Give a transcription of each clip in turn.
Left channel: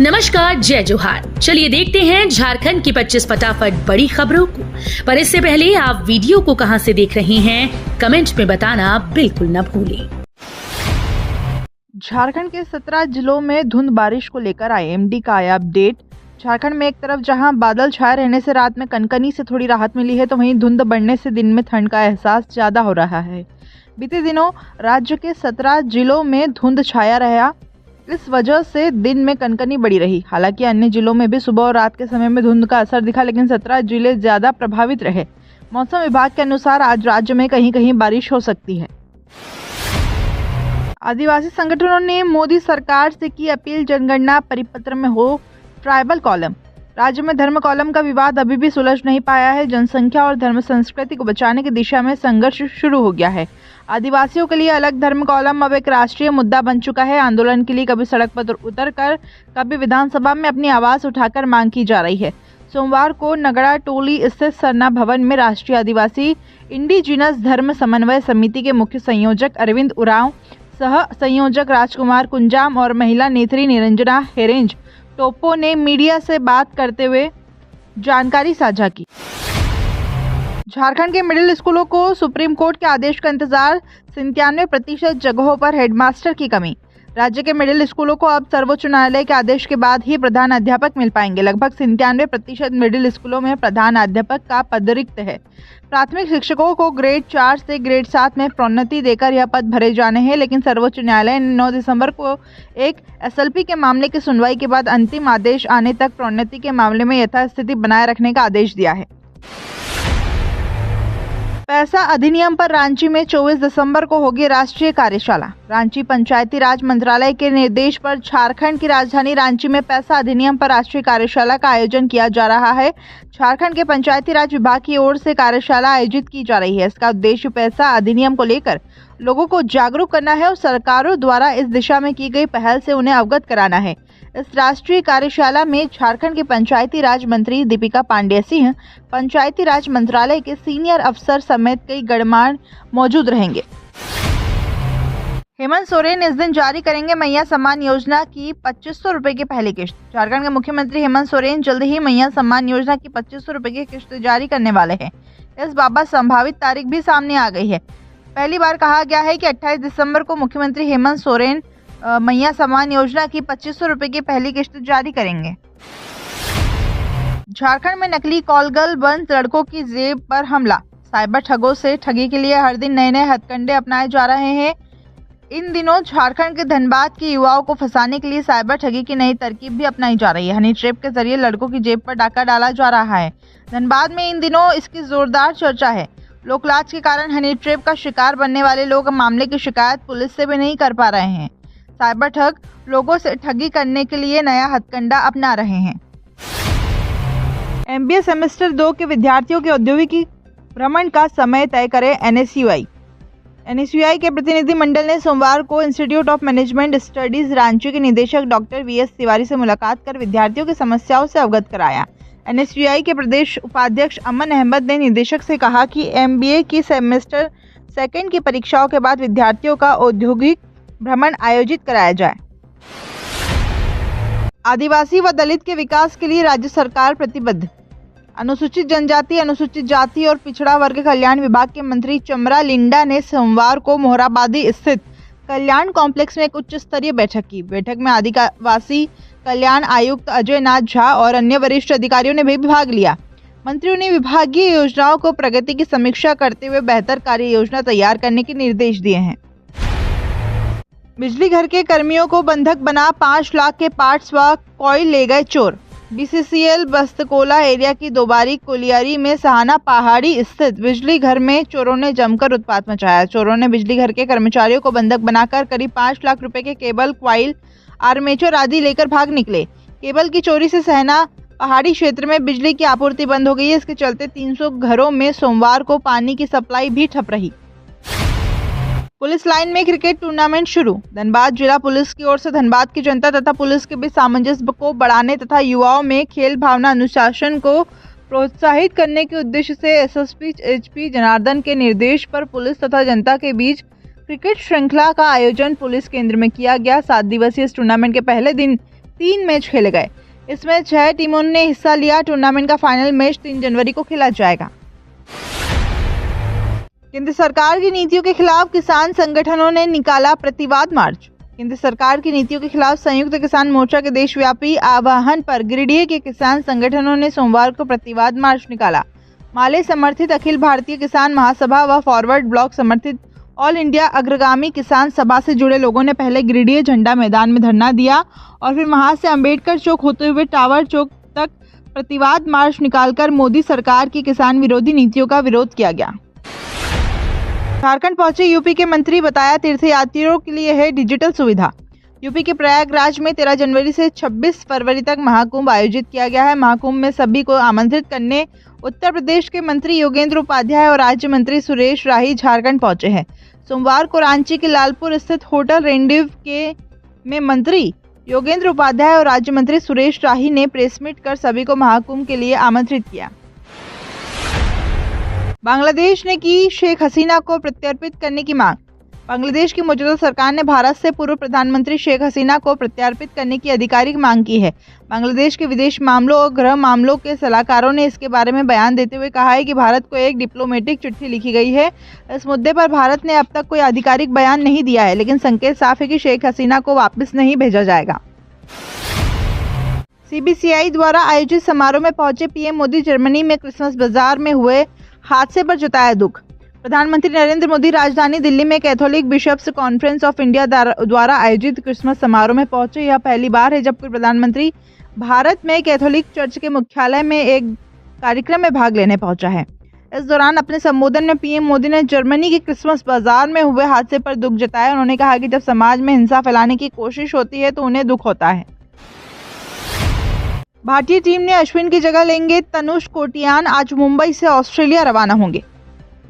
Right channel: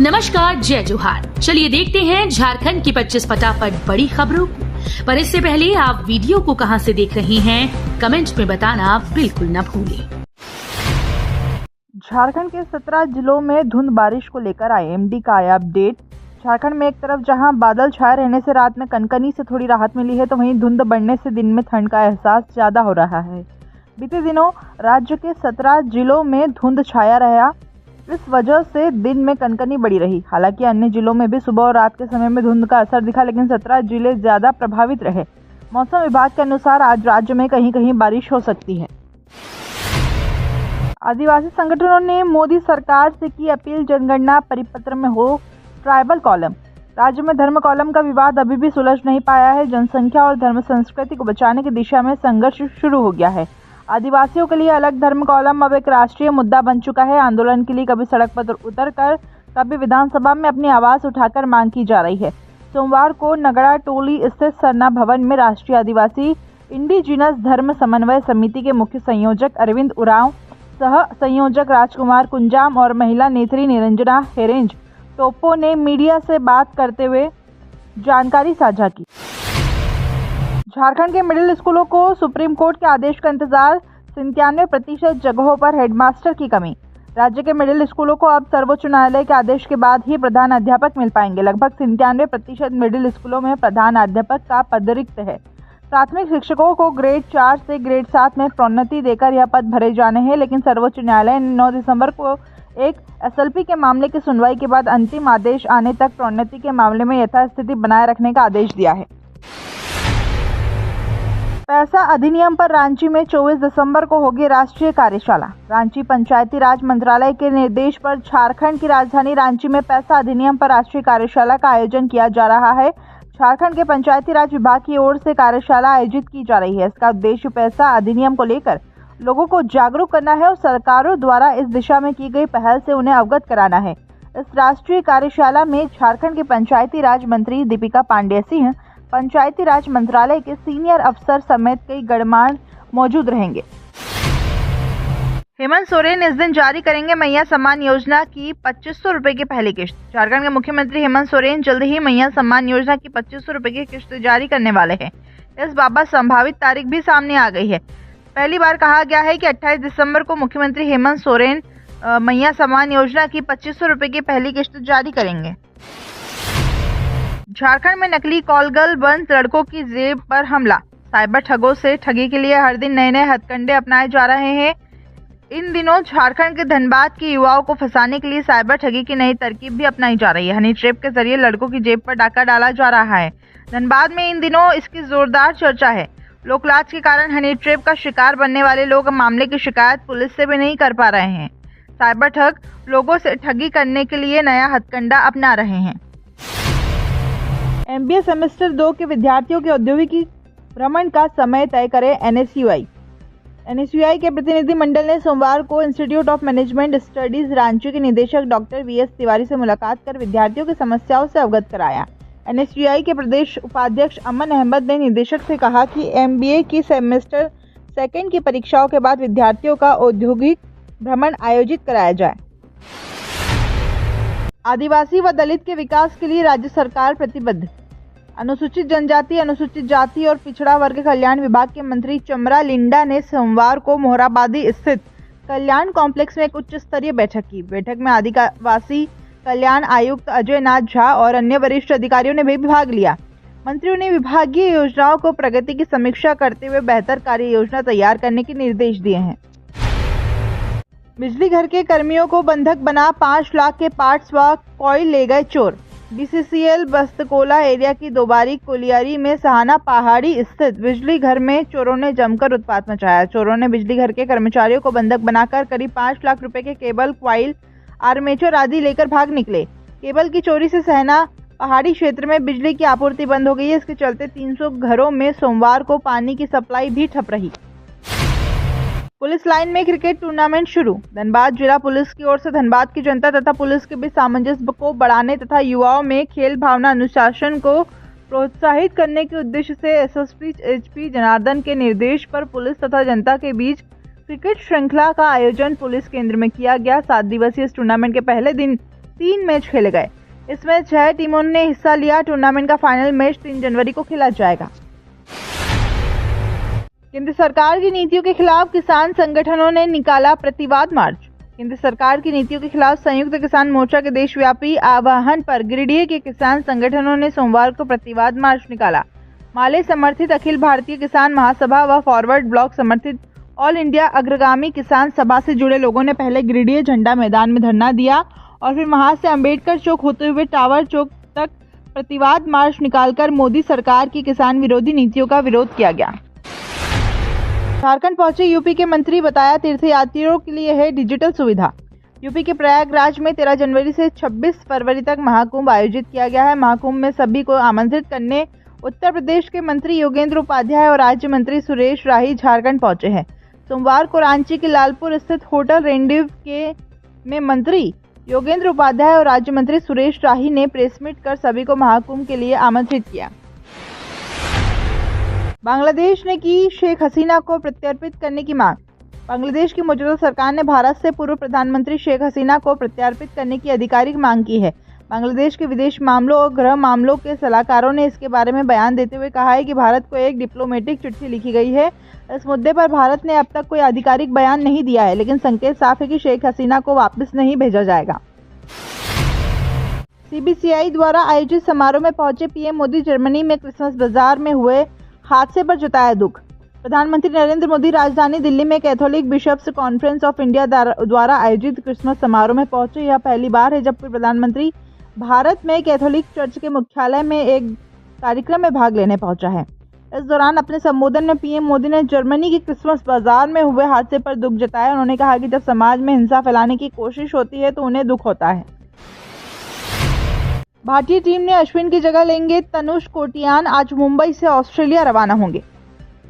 नमस्कार, जय जोहार। चलिए देखते हैं झारखंड की 25 फटाफट बड़ी खबरों को। पर इससे पहले आप वीडियो को कहां से देख रहे हैं, कमेंट में बताना बिल्कुल न भूलें। झारखंड के 17 जिलों में धुंध बारिश को लेकर आईएमडी का आया अपडेट। झारखंड में एक तरफ जहां बादल छाए रहने से रात में कनकनी से थोड़ी राहत मिली है, तो वहीं धुंध बढ़ने से दिन में ठंड का एहसास ज्यादा हो रहा है। बीते दिनों राज्य के 17 जिलों में धुंध छाया रहा, इस वजह से दिन में कनकनी बढ़ी रही। हालांकि अन्य जिलों में भी सुबह और रात के समय में धुंध का असर दिखा, लेकिन 17 जिले ज्यादा प्रभावित रहे। मौसम विभाग के अनुसार आज राज्य में कहीं कहीं बारिश हो सकती है। आदिवासी संगठनों ने मोदी सरकार से की अपील, जनगणना परिपत्र में हो ट्राइबल कॉलम। राज्य में धर्म कॉलम का विवाद अभी भी सुलझ नहीं पाया है। जनसंख्या और धर्म संस्कृति को बचाने की दिशा में संघर्ष शुरू हो गया है। आदिवासियों के लिए अलग धर्म कॉलम अब एक राष्ट्रीय मुद्दा बन चुका है। आंदोलन के लिए कभी सड़क पर उतरकर, कभी विधानसभा में अपनी आवाज उठाकर मांग की जा रही है। सोमवार को नगड़ा टोली स्थित सरना भवन में राष्ट्रीय आदिवासी इंडिजिनस धर्म समन्वय समिति के मुख्य संयोजक अरविंद उरांव, सह संयोजक राजकुमार कुंजाम और महिला नेत्री निरंजना हेरेंज टोप्पो ने मीडिया से बात करते हुए जानकारी साझा की। झारखंड के मिडिल स्कूलों को सुप्रीम कोर्ट के आदेश का इंतजार, 97% जगहों पर हेडमास्टर की कमी। राज्य के मिडिल स्कूलों को अब सर्वोच्च न्यायालय के आदेश के बाद ही प्रधान अध्यापक मिल पाएंगे। लगभग 97% मिडिल स्कूलों में प्रधान अध्यापक का पद रिक्त है। प्राथमिक शिक्षकों को ग्रेड 4 से ग्रेड 7 में प्रोन्नति देकर यह पद भरे जाने हैं, लेकिन सर्वोच्च न्यायालय ने 9 दिसंबर को एक एसएलपी के मामले की सुनवाई के बाद अंतिम आदेश आने तक प्रोन्नति के मामले में यथास्थिति बनाए रखने का आदेश दिया है। पैसा अधिनियम पर रांची में 24 दिसंबर को होगी राष्ट्रीय कार्यशाला। रांची पंचायती राज मंत्रालय के निर्देश पर झारखंड की राजधानी रांची में पैसा अधिनियम पर राष्ट्रीय कार्यशाला का आयोजन किया जा रहा है। झारखंड के पंचायती राज विभाग की ओर से कार्यशाला आयोजित की जा रही है। इसका उद्देश्य पैसा अधिनियम को लेकर लोगों को जागरूक करना है और सरकारों द्वारा इस दिशा में की गई पहल से उन्हें अवगत कराना है। इस राष्ट्रीय कार्यशाला में झारखंड के पंचायती राज मंत्री दीपिका पांडेय सिंह, पंचायती राज मंत्रालय के सीनियर अफसर समेत कई गणमान्य मौजूद रहेंगे। हेमंत सोरेन इस दिन जारी करेंगे मैया सम्मान योजना की 2500 रुपए की पहली किश्त। झारखंड के मुख्यमंत्री हेमंत सोरेन जल्द ही मैया सम्मान योजना की 2500 रुपए की किश्त जारी करने वाले हैं। इस बाबत संभावित तारीख भी सामने आ गई है। पहली बार कहा गया है कि 28 दिसंबर को मुख्यमंत्री हेमंत सोरेन मैया सम्मान योजना की 2500 रुपए की पहली किश्त जारी करेंगे। झारखंड में नकली कॉल गर्ल बन लड़कों की जेब पर हमला। साइबर ठगों से ठगी के लिए हर दिन नए नए हथकंडे अपनाए जा रहे हैं। इन दिनों झारखंड के धनबाद के युवाओं को फंसाने के लिए साइबर ठगी की नई तरकीब भी अपनाई जा रही है। हनी ट्रैप के जरिए लड़कों की जेब पर डाका डाला जा रहा है। धनबाद में इन दिनों इसकी जोरदार चर्चा है। लोकलाज के कारण हनी ट्रैप का शिकार बनने वाले लोग मामले की शिकायत पुलिस से भी नहीं कर पा रहे हैं। साइबर ठग लोगों से ठगी करने के लिए नया हथकंडा अपना रहे हैं। एमबीए सेमेस्टर 2 के विद्यार्थियों के औद्योगिकी भ्रमण का समय तय करे एनएसयूआई। एनएसयूआई के प्रतिनिधि मंडल ने सोमवार को institute of management studies Ranchi के निदेशक डॉक्टर वीएस तिवारी से मुलाकात कर विद्यार्थियों की समस्याओं से अवगत कराया। एनएसयूआई के प्रदेश उपाध्यक्ष अमन अहमद ने निदेशक से कहा कि एमबीए की सेमेस्टर 2 की परीक्षाओं के बाद विद्यार्थियों का औद्योगिक भ्रमण आयोजित कराया जाए। आदिवासी व दलित के विकास के लिए राज्य सरकार प्रतिबद्ध। अनुसूचित जनजाति, अनुसूचित जाति और पिछड़ा वर्ग कल्याण विभाग के मंत्री चमरा लिंडा ने सोमवार को मोहराबादी स्थित कल्याण कॉम्प्लेक्स में एक उच्च स्तरीय बैठक की। बैठक में आदिवासी कल्याण आयुक्त अजय नाथ झा और अन्य वरिष्ठ अधिकारियों ने भी भाग लिया। मंत्रियों ने विभागीय योजनाओं को प्रगति की समीक्षा करते हुए बेहतर कार्य योजना तैयार करने के निर्देश दिए हैं। बिजली घर के कर्मियों को बंधक बना 5 लाख के पार्ट्स व कॉइल ले गए चोर। बीसीसीएल बस्तकोला एरिया की दोबारी कोलियारी में सहाना पहाड़ी स्थित बिजली घर में चोरों ने जमकर उत्पात मचाया। चोरों ने बिजली घर के कर्मचारियों को बंधक बनाकर करीब 5 लाख रुपए के केबल, क्वाइल, आर्मेचर आदि लेकर भाग निकले। केबल की चोरी से सहना पहाड़ी क्षेत्र में बिजली की आपूर्ति बंद हो गई है। इसके चलते 300 घरों में सोमवार को पानी की सप्लाई भी ठप रही। पुलिस लाइन में क्रिकेट टूर्नामेंट शुरू। धनबाद जिला पुलिस की ओर से धनबाद की जनता तथा पुलिस के बीच सामंजस्य को बढ़ाने तथा युवाओं में खेल भावना, अनुशासन को प्रोत्साहित करने के उद्देश्य से एसएसपी एचपी जनार्दन के निर्देश पर पुलिस तथा जनता के बीच क्रिकेट श्रृंखला का आयोजन पुलिस केंद्र में किया गया। 7 दिवसीय इस टूर्नामेंट के पहले दिन 3 मैच खेले गए। इसमें 6 टीमों ने हिस्सा लिया। टूर्नामेंट का फाइनल मैच 3 जनवरी को खेला जाएगा। केंद्र सरकार की नीतियों के खिलाफ किसान संगठनों ने निकाला प्रतिवाद मार्च। केंद्र सरकार की नीतियों के खिलाफ संयुक्त किसान मोर्चा के देशव्यापी आह्वान पर गिरिडीह के किसान संगठनों ने सोमवार को प्रतिवाद मार्च निकाला। माले समर्थित अखिल भारतीय किसान महासभा व फॉरवर्ड ब्लॉक समर्थित ऑल इंडिया अग्रगामी किसान सभा से जुड़े लोगों ने पहले गिरिडीह झंडा मैदान में धरना दिया और फिर वहां से अंबेडकर चौक होते हुए टावर चौक तक प्रतिवाद मार्च निकालकर मोदी सरकार की किसान विरोधी नीतियों का विरोध किया गया। झारखंड पहुंचे यूपी के मंत्री, बताया तीर्थयात्रियों के लिए है डिजिटल सुविधा। यूपी के प्रयागराज में 13 जनवरी से 26 फरवरी तक महाकुंभ आयोजित किया गया है। महाकुंभ में सभी को आमंत्रित करने उत्तर प्रदेश के मंत्री योगेंद्र उपाध्याय और राज्य मंत्री सुरेश राही झारखंड पहुंचे हैं। सोमवार को रांची के लालपुर स्थित होटल रेंडिव में मंत्री योगेंद्र उपाध्याय और राज्य मंत्री सुरेश राही ने प्रेस मीट कर सभी को महाकुंभ के लिए आमंत्रित किया। बांग्लादेश ने की शेख हसीना को प्रत्यर्पित करने की मांग। बांग्लादेश की मौजूदा सरकार ने भारत से पूर्व प्रधानमंत्री शेख हसीना को प्रत्यर्पित करने की आधिकारिक मांग की है। बांग्लादेश के विदेश मामलों और गृह मामलों के सलाहकारों ने इसके बारे में बयान देते हुए कहा है कि भारत को एक डिप्लोमेटिक चिट्ठी लिखी गई है। इस मुद्दे पर भारत ने अब तक कोई आधिकारिक बयान नहीं दिया है, लेकिन संकेत साफ है कि शेख हसीना को वापस नहीं भेजा जाएगा। CBCI द्वारा आयोजित समारोह में पहुंचे पीएम मोदी जर्मनी में क्रिसमस बाजार में हुए हादसे पर जताया दुख। प्रधानमंत्री नरेंद्र मोदी राजधानी दिल्ली में Catholic Bishops Conference of India द्वारा आयोजित क्रिसमस समारोह में पहुंचे। यह पहली बार है जब कोई प्रधानमंत्री भारत में कैथोलिक चर्च के मुख्यालय में एक कार्यक्रम में भाग लेने पहुंचा है। इस दौरान अपने संबोधन में पीएम मोदी ने जर्मनी के क्रिसमस बाजार में हुए हादसे पर दुख जताया। उन्होंने कहा कि जब समाज में हिंसा फैलाने की कोशिश होती है तो उन्हें दुख होता है। भारतीय टीम ने अश्विन की जगह लेंगे तनुष कोटियान, आज मुंबई से ऑस्ट्रेलिया रवाना होंगे।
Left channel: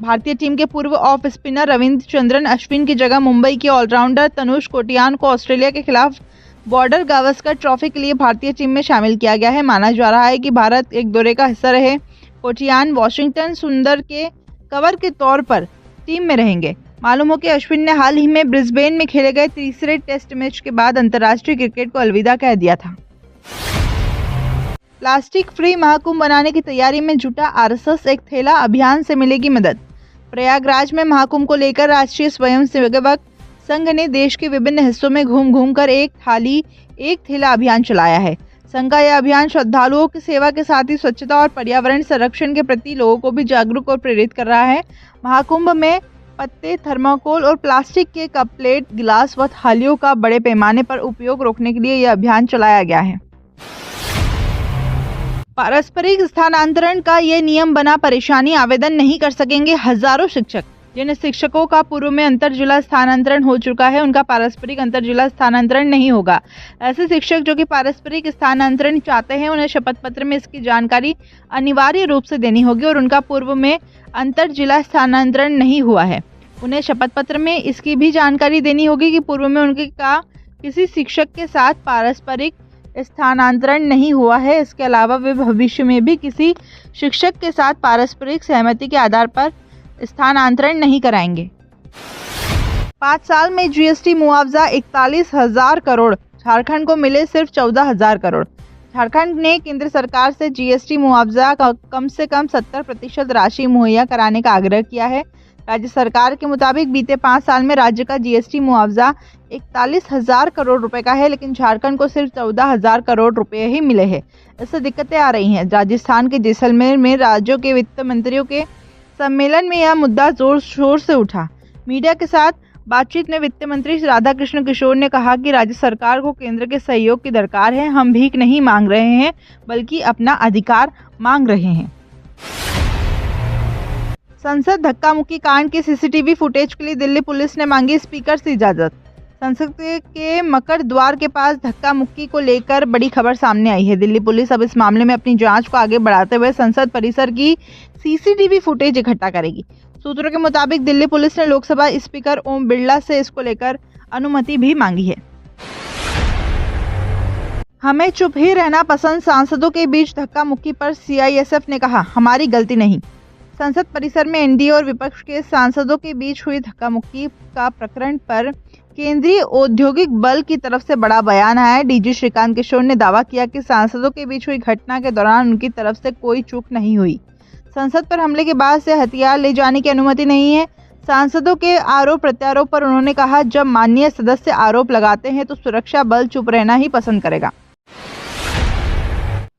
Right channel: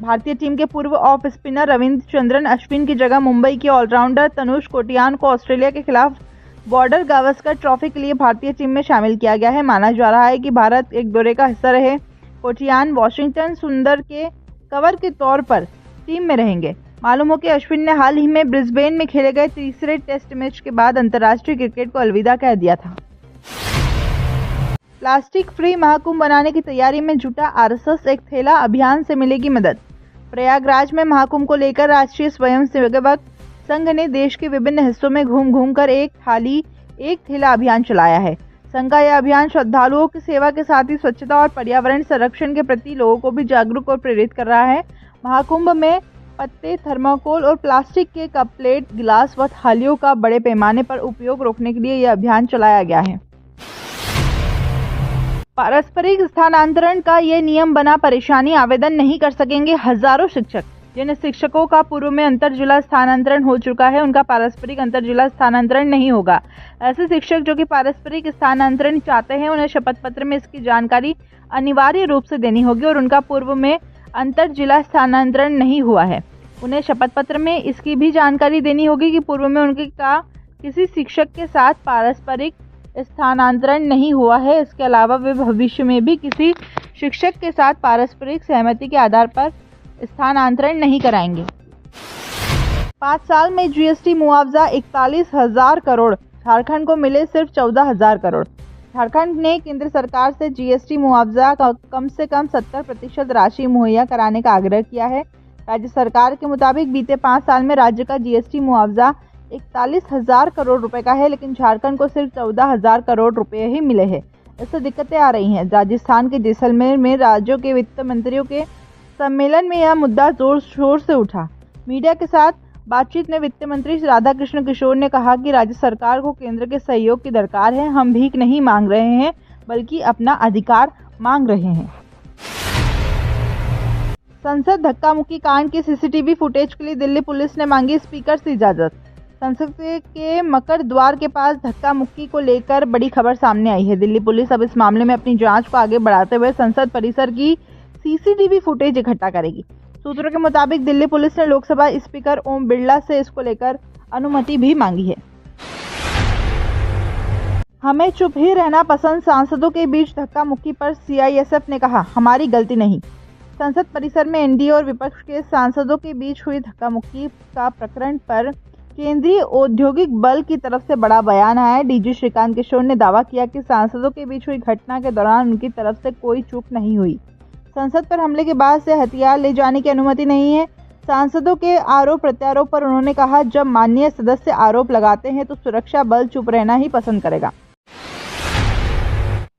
भारतीय टीम के पूर्व ऑफ स्पिनर रविचंद्रन अश्विन की जगह मुंबई के ऑलराउंडर तनुष कोटियान को ऑस्ट्रेलिया के खिलाफ बॉर्डर गावस्कर ट्रॉफी के लिए भारतीय टीम में शामिल किया गया है। माना जा रहा है कि भारत एक दौरे का हिस्सा रहे कोटियान वॉशिंगटन सुंदर के कवर के तौर पर टीम में रहेंगे। मालूम हो कि अश्विन ने हाल ही में ब्रिस्बेन में खेले गए तीसरे टेस्ट मैच के बाद अंतर्राष्ट्रीय क्रिकेट को अलविदा कह दिया था। प्लास्टिक फ्री महाकुंभ बनाने की तैयारी में जुटा आरएसएस, एक थैला अभियान से मिलेगी मदद। प्रयागराज में महाकुंभ को लेकर राष्ट्रीय स्वयंसेवक संघ ने देश के विभिन्न हिस्सों में घूम घूम कर एक थाली एक थैला अभियान चलाया है। संघ का यह अभियान श्रद्धालुओं की सेवा के साथ ही स्वच्छता और पर्यावरण संरक्षण के प्रति लोगों को भी जागरूक और प्रेरित कर रहा है। महाकुंभ में पत्ते, थर्माकोल और प्लास्टिक के कप, प्लेट, गिलास व थालियों का बड़े पैमाने पर उपयोग रोकने के लिए यह अभियान चलाया गया है। पारस्परिक स्थानांतरण का ये नियम बना, परेशानी आवेदन नहीं कर सकेंगे हजारों शिक्षक। जिन शिक्षकों का पूर्व में अंतर जिला स्थानांतरण हो चुका है उनका पारस्परिक अंतर जिला स्थानांतरण नहीं होगा। ऐसे शिक्षक जो कि पारस्परिक स्थानांतरण चाहते हैं उन्हें शपथ पत्र में इसकी जानकारी अनिवार्य रूप से देनी होगी और उनका पूर्व में अंतर जिला स्थानांतरण नहीं हुआ है उन्हें शपथ पत्र में इसकी भी जानकारी देनी होगी कि पूर्व में उनके का किसी शिक्षक के साथ पारस्परिक स्थानांतरण नहीं हुआ है। इसके अलावा वे भविष्य में भी किसी शिक्षक के साथ पारस्परिक सहमति के आधार पर स्थानांतरण नहीं कराएंगे। 5 साल में जीएसटी मुआवजा 41,000 करोड़, झारखंड को मिले सिर्फ 14,000 करोड़। झारखंड ने केंद्र सरकार से जीएसटी मुआवजा का कम से कम 70% राशि मुहैया कराने का आग्रह किया है। राज्य सरकार के मुताबिक बीते 5 साल में राज्य का जीएसटी मुआवजा 41,000 करोड़ रुपए का है, लेकिन झारखंड को सिर्फ 14,000 करोड़ रुपए ही मिले हैं। इससे दिक्कतें आ रही हैं। राजस्थान के जैसलमेर में राज्यों के वित्त मंत्रियों के सम्मेलन में यह मुद्दा जोर शोर से उठा। मीडिया के साथ बातचीत में वित्त मंत्री राधाकृष्ण किशोर ने कहा कि राज्य सरकार को केंद्र के सहयोग की दरकार है। हम भीख नहीं मांग रहे हैं बल्कि अपना अधिकार मांग रहे हैं। संसद धक्का मुक्की कांड के सीसीटीवी फुटेज के लिए दिल्ली पुलिस ने मांगी स्पीकर से इजाजत। संसद के मकर द्वार के पास धक्का मुक्की को लेकर बड़ी खबर सामने आई है। दिल्ली पुलिस अब इस मामले में अपनी जांच को आगे बढ़ाते हुए संसद परिसर की सीसीटीवी फुटेज इकट्ठा करेगी। सूत्रों के मुताबिक दिल्ली पुलिस ने लोकसभा स्पीकर ओम बिरला से इसको लेकर अनुमति भी मांगी है। हमें चुप ही रहना पसंद, सांसदों के बीच धक्का मुक्की पर सीआईएसएफ ने कहा हमारी गलती नहीं। संसद परिसर में एनडीए और विपक्ष के सांसदों के बीच हुई धक्का मुक्की का प्रकरण पर केंद्रीय औद्योगिक बल की तरफ से बड़ा बयान आया है। डीजी श्रीकांत किशोर ने दावा किया कि सांसदों के बीच हुई घटना के दौरान उनकी तरफ से कोई चूक नहीं हुई। संसद पर हमले के बाद से हथियार ले जाने की अनुमति नहीं है। सांसदों के आरोप प्रत्यारोप पर उन्होंने कहा, जब माननीय सदस्य आरोप लगाते हैं तो सुरक्षा बल चुप रहना ही पसंद करेगा।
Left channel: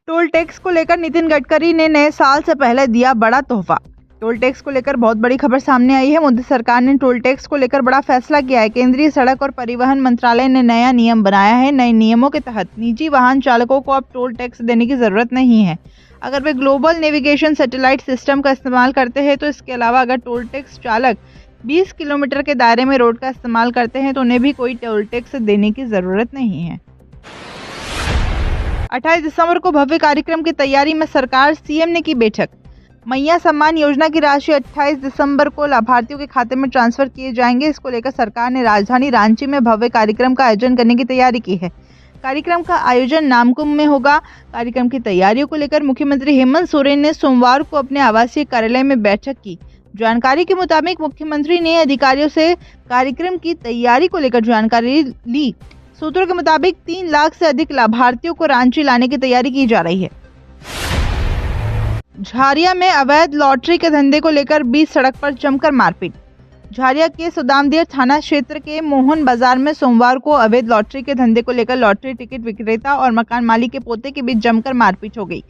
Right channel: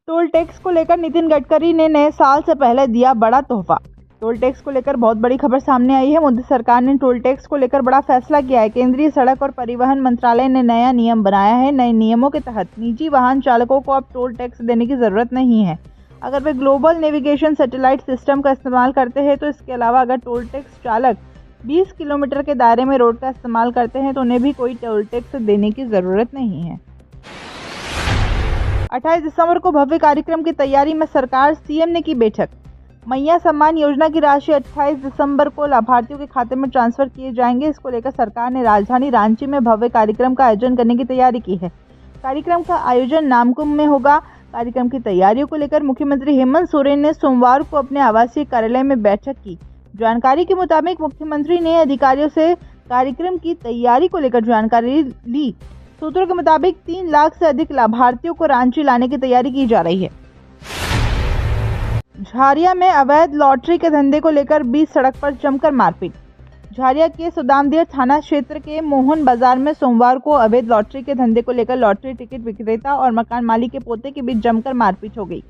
टोल टैक्स को लेकर नितिन गडकरी ने नए साल से पहले दिया बड़ा तोहफा। टोल टैक्स को लेकर बहुत बड़ी खबर सामने आई है। मोदी सरकार ने टोल टैक्स को लेकर बड़ा फैसला किया है। केंद्रीय सड़क और परिवहन मंत्रालय ने नया नियम बनाया है। नए नियमों के तहत निजी वाहन चालकों को अब टोल टैक्स देने की जरूरत नहीं है अगर वे ग्लोबल नेविगेशन सैटेलाइट सिस्टम का इस्तेमाल करते हैं। तो इसके अलावा अगर टोल टैक्स चालक 20 किलोमीटर के दायरे में रोड का इस्तेमाल करते हैं तो उन्हें भी कोई टोल टैक्स देने की जरूरत नहीं है। 28 दिसंबर को भव्य कार्यक्रम की तैयारी में सरकार सीएम ने की बैठक। मैया सम्मान योजना की राशि 28 दिसंबर को लाभार्थियों के खाते में ट्रांसफर किए जाएंगे। इसको लेकर सरकार ने राजधानी रांची में भव्य कार्यक्रम का आयोजन करने की तैयारी की है। कार्यक्रम का आयोजन नामकुम में होगा। कार्यक्रम की तैयारियों को लेकर मुख्यमंत्री हेमंत सोरेन ने सोमवार को अपने आवासीय कार्यालय में बैठक की। जानकारी के मुताबिक मुख्यमंत्री ने अधिकारियों से कार्यक्रम की तैयारी को लेकर जानकारी ली। सूत्रों के मुताबिक 3 लाख से अधिक लाभार्थियों को रांची लाने की तैयारी की जा रही है। झारिया में अवैध लॉटरी के धंधे को लेकर बीच सड़क पर जमकर मारपीट। झारिया के सुदामदिया थाना क्षेत्र के मोहन बाजार में सोमवार को अवैध लॉटरी के धंधे को लेकर लॉटरी टिकट विक्रेता और मकान मालिक के पोते के बीच जमकर मारपीट हो गई।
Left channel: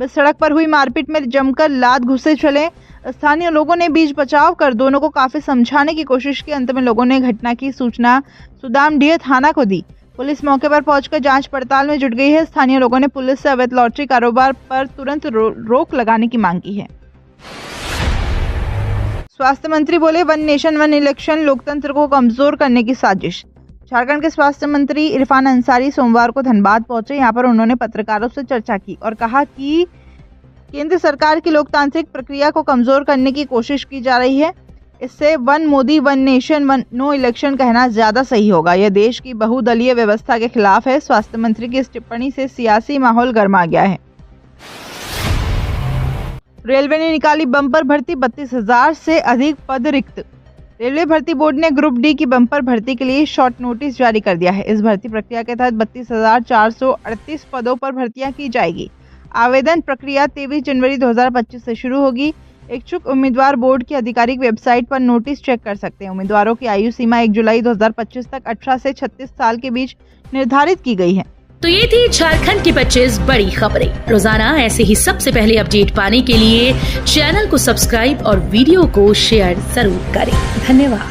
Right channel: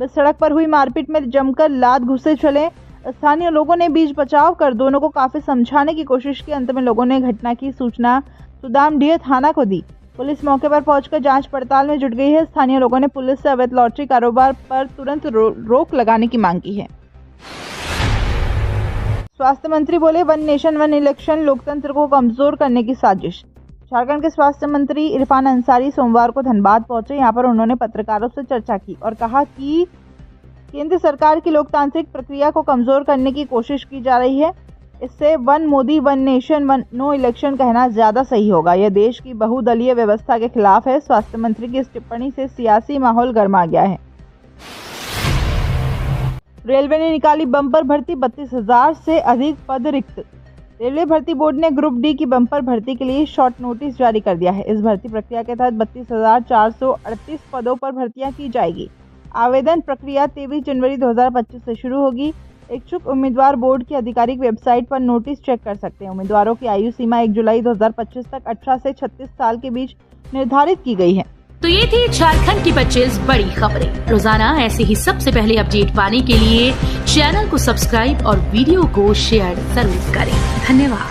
बस सड़क पर हुई मारपीट में जमकर लात घुसे चले। स्थानीय लोगों ने बीच बचाव कर दोनों को काफी समझाने की कोशिश की। अंत में लोगों ने घटना की सूचना सुदामदिया थाना को दी। पुलिस मौके पर पहुंचकर जांच पड़ताल में जुट गई है। स्थानीय लोगों ने पुलिस से अवैध लॉटरी कारोबार पर तुरंत रोक लगाने की मांग की है। स्वास्थ्य मंत्री बोले, वन नेशन वन इलेक्शन लोकतंत्र को कमजोर करने की साजिश। झारखंड के स्वास्थ्य मंत्री इरफान अंसारी सोमवार को धनबाद पहुंचे। यहां पर उन्होंने पत्रकारों से चर्चा की और कहा कि केंद्र सरकार की लोकतांत्रिक प्रक्रिया को कमजोर करने की कोशिश की जा रही है। इससे one Modi one nation one no election कहना ज्यादा सही होगा। यह देश की बहुदलीय व्यवस्था के खिलाफ है। स्वास्थ्य मंत्री की इस टिप्पणी से सियासी माहौल गर्मा गया है। रेलवे ने निकाली बम्पर भर्ती, 32,000 से अधिक पद रिक्त। रेलवे भर्ती बोर्ड ने ग्रुप डी की बम्पर भर्ती के लिए शॉर्ट नोटिस जारी कर दिया है। इस भर्ती प्रक्रिया के तहत 32,438 पदों पर भर्तियां की जाएगी। आवेदन प्रक्रिया 23 जनवरी 2025 से शुरू होगी। इच्छुक उम्मीदवार बोर्ड की आधिकारिक वेबसाइट पर नोटिस चेक कर सकते हैं। उम्मीदवारों की आयु सीमा 1 जुलाई 2025 तक 18 से 36 साल के बीच निर्धारित की गई है। तो ये थी झारखंड की 25 बड़ी खबरें। रोजाना ऐसे ही सबसे पहले अपडेट पाने के लिए चैनल को सब्सक्राइब और वीडियो को शेयर जरूर करें। धन्यवाद।